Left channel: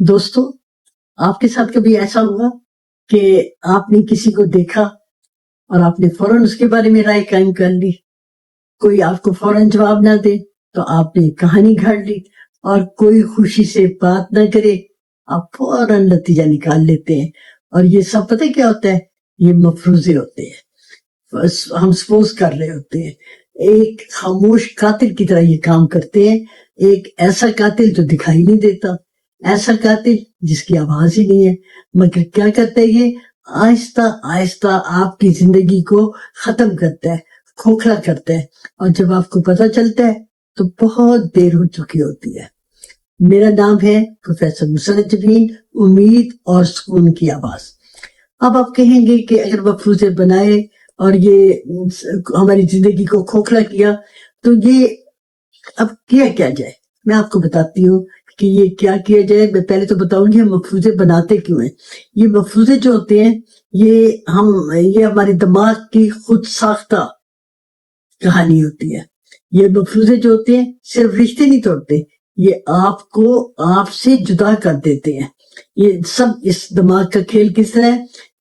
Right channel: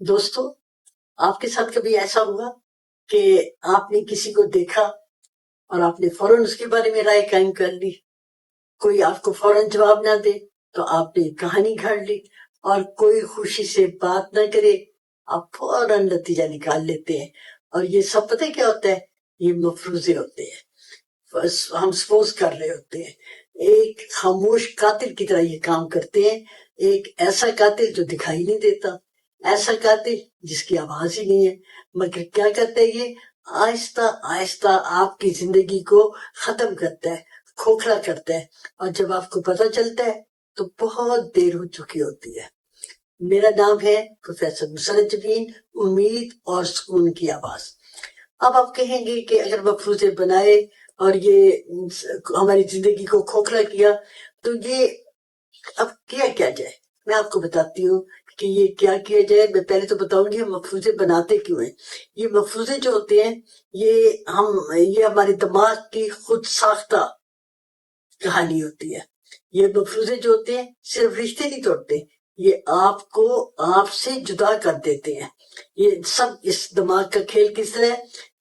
دوستو آپ کے ساتھ کبھی ایسا ہوا کہ آپ نے کسی کو دیکھا اور آپ نے فوراً اس کے بارے میں رائے قائم کر لی؟ کوئی آپ کو فوراً جواب نہ دے تو آپ نے کہانی گھڑ لی، اور کوئی خوشی سے بات نہ کرے آپ فوراً نتیجہ نکال لیتے ہیں. اور یہ سب پتہ کیا ہوتا ہے؟ یہ مفروضے ہوتے ہیں. بس ہم سپوز کر رہے ہوتے ہیں. ایک خاموش قاتل کی طرح یہ کام کرتے ہیں. ایک ایسا قاتل جو دکھائی نہیں دیتا، ایسا قاتل جس کی آواز ہی نہیں ہے، مگر کیا کرتا ہے؟ یہ آہستہ آہستہ آپ کی زندگی کو ختم کرتا ہے، کھوکھلا کرتا ہے، اور جب آپ کو پتہ چلتا ہے تو بہت دیر ہو چکی ہوتی ہے. میرا نام ہے پروفیسر مسرت جبین، امید اور سکون کی آواز. اب آپ کہیں گے کہ اگر مفروضے بنائے اور یہ ہماری زندگی کو کھوکھلا کیا تو یہ اب کیا جائے؟ میں آپ کو بتاتی ہوں کہ یہ کیا جائے. میں پہلے تو بتاؤں گی ہم مفروضے بناتے کیوں ہیں. یہ مفروضے جو ہوتے ہیں یہ ہمارے دماغ کی خود ساختہ کہانی ہوتی ہے. یہ مفروضے جو ہوتے ہیں صرف رشتے نہیں توڑتے، یہ آپ کو آپ سے جدا کر دیتے ہیں. یہ سب اس دماغ کا کھیل کس طرح ہے؟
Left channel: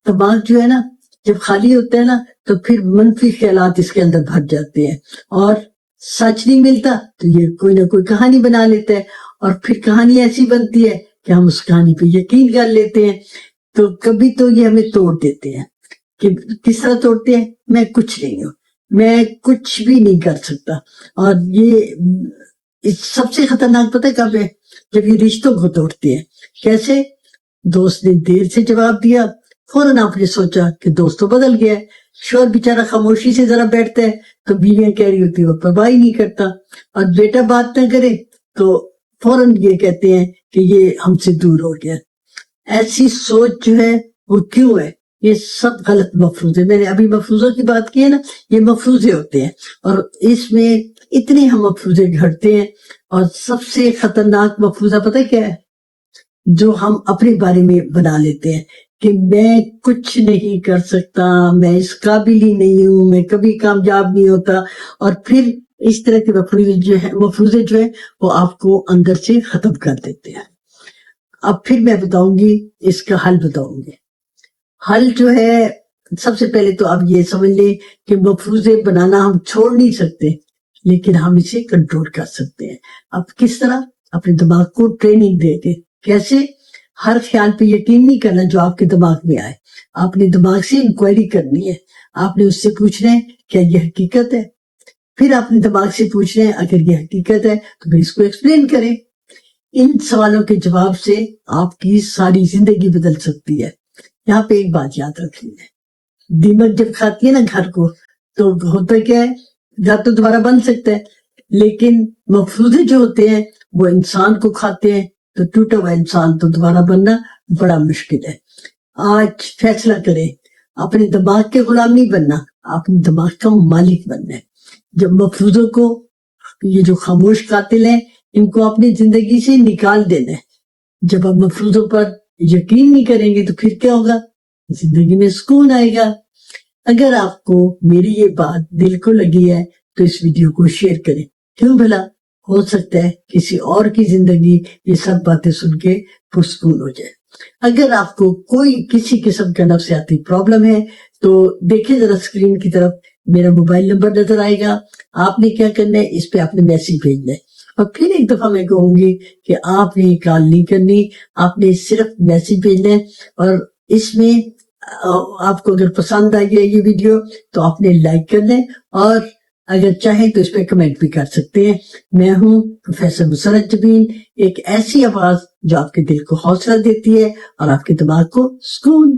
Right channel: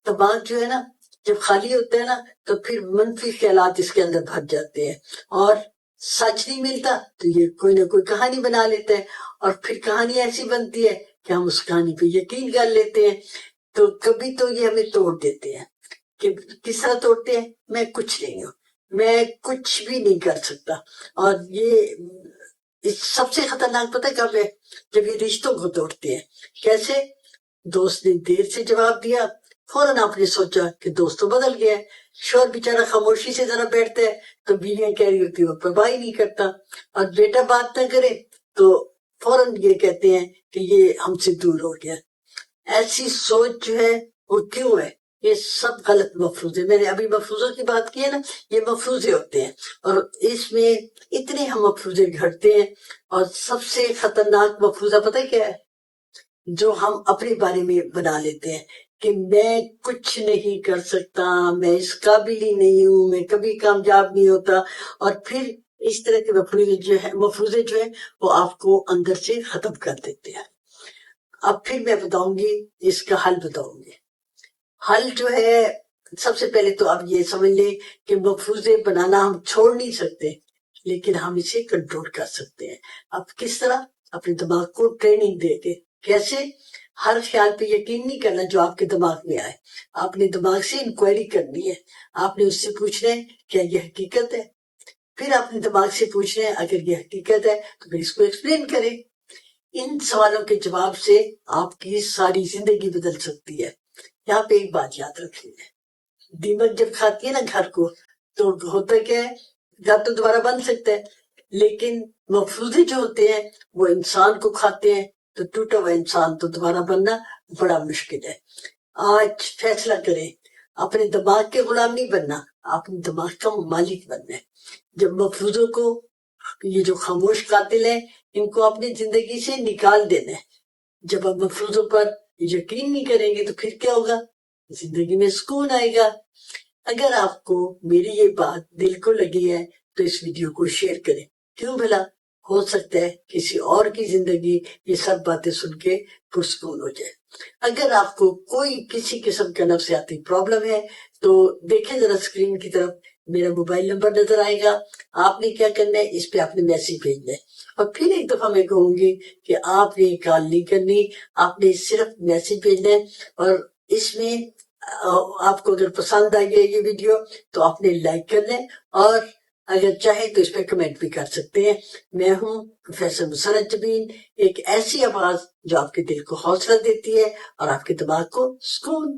دماغ جو ہے نا، جب خالی ہوتا ہے نا تو پھر منفی خیالات اس کے اندر بھر جاتے ہیں، اور سچ نہیں ملتا تو یہ کوئی نہ کوئی کہانی بنا لیتا ہے، اور پھر کہانی ایسی بنتی ہے کہ ہم اس کہانی پہ یقین کر لیتے ہیں. تو کبھی تو یہ ہمیں توڑ دیتے ہیں. کہ کس طرح توڑتے ہیں؟ میں کچھ نہیں ہوں، میں کچھ بھی نہیں کر سکتا. اور یہ سب سے خطرناک پتہ کب ہے؟ جب یہ رشتوں کو توڑتے ہیں. کیسے؟ دوست نے دیر سے جواب دیا، فوراً آپ نے سوچا کہ دوست تو بدل گیا ہے. شوہر بیچارہ خاموشی سے ذرا بیٹھتا ہے تو بیویاں کہہ رہی ہوتی وہ پرواہ ہی نہیں کرتا، اور بیٹا بات نہ کرے تو فوراً یہ کہتے ہیں کہ یہ ہم سے دور ہو گیا. ایسی سوچ جو ہے وہ کیوں ہے؟ یہ سب غلط مفروضے. میں نے ابھی مفروضوں کی بات کی ہے نا، یہ مفروضے ہوتے ہیں، اور اس میں اتنے ہم مفروضے گھڑتے ہیں. اور سب سے خطرناک مفروضہ پتہ کیا ہے؟ جو ہم اپنے بارے میں بنا لیتے ہیں کہ میں کچھ نہیں کر سکتا، میں اس قابل ہی نہیں ہوں، میں کبھی کامیاب نہیں ہوتا. اور پھر اس طرح کے مفروضے جو ہے وہ آپ کو اندر سے ختم کر دیتے ہیں. اب پھر میں بتاؤں گی اس کا حل بتاؤں گی. حل جو ہے، سب سے پہلے تو آپ یہ سمجھ لیں کہ مفروضے بنانا ہم چھوڑ نہیں سکتے، لیکن ہم اسے کنٹرول کر سکتے ہیں. اب کس طرح؟ اپنے دماغ کو ٹریننگ دے کے. کیسے؟ ہر خیال پہ یقین نہیں کرنا جو آپ کے دماغ میں آئے. آپ نے دماغ سے انکوائری کرنی ہے. آپ نے اس سے پوچھنا ہے کیا یہ حقیقت ہے. پھر آپ نے دماغ سے پوچھنا ہے اگر یہ حقیقت ہے تو پھر اس کو ایکسپلین کریں. ان سوالوں کے جواب سے آپ کی ساری زندگی بدل سکتی ہے. یہاں پہ ایک بات یاد رکھنی ہے، دیمک جب کھاتی ہے نا گھر کو تو ہوتا کیا ہے؟ گھر تو دوبارہ بن سکتا ہے، لیکن مفروضے جو ہوتے ہیں وہ انسان کو کھاتے ہیں تو ٹوٹا ہوا انسان تو دوبارہ بننا بڑا مشکل ہے. آج فیصلہ کریں، اپنے دماغ کے غلام نہیں بننا، اپنے دماغ کا مالک بننا ہے. جب مفروضوں کو، یہ جو خاموش قاتل ہیں، ان کو اپنی زندگی سے نکال دینا ہے. جب آپ مفروضوں پر یقین نہیں کریں گے تو پھر کیا ہوگا؟ زندگی میں سکون آئے گا. اگر آپ کو میری یہ بات دل کو لگی ہے تو اس ویڈیو کو شیئر کریں. کیوں بھلا؟ ہو سکتا ہے کسی اور کی زندگی یہ سب باتیں سن کے پرسکون ہو جائے. اگر آپ کو کوئی کسی قسم کا نفسیاتی پرابلم ہے تو دیکھیں ذرا اسکرین کی طرف، میرا موبائل نمبر نظر آئے گا. آپ نے کیا کرنا ہے؟ اس پہ آپ نے میسیج بھیجنا ہے. اور پھر ایک دفعہ میں کہوں گی کہ آپ نے کال نہیں کرنی، آپ نے صرف میسیج بھیجنا ہے. اور اس میں آپ کو اگر پسند آئی ہے یہ ویڈیو تو آپ نے لائک کرنا ہے، اور اگر چاہیں تو اس پہ کمنٹ بھی کر سکتے ہیں. میں ہوں پروفیسر مسرت جبین، ایک ایسی آواز جو آپ کے دل کو حوصلہ دیتی ہے اور آپ کے دماغ کو سکون.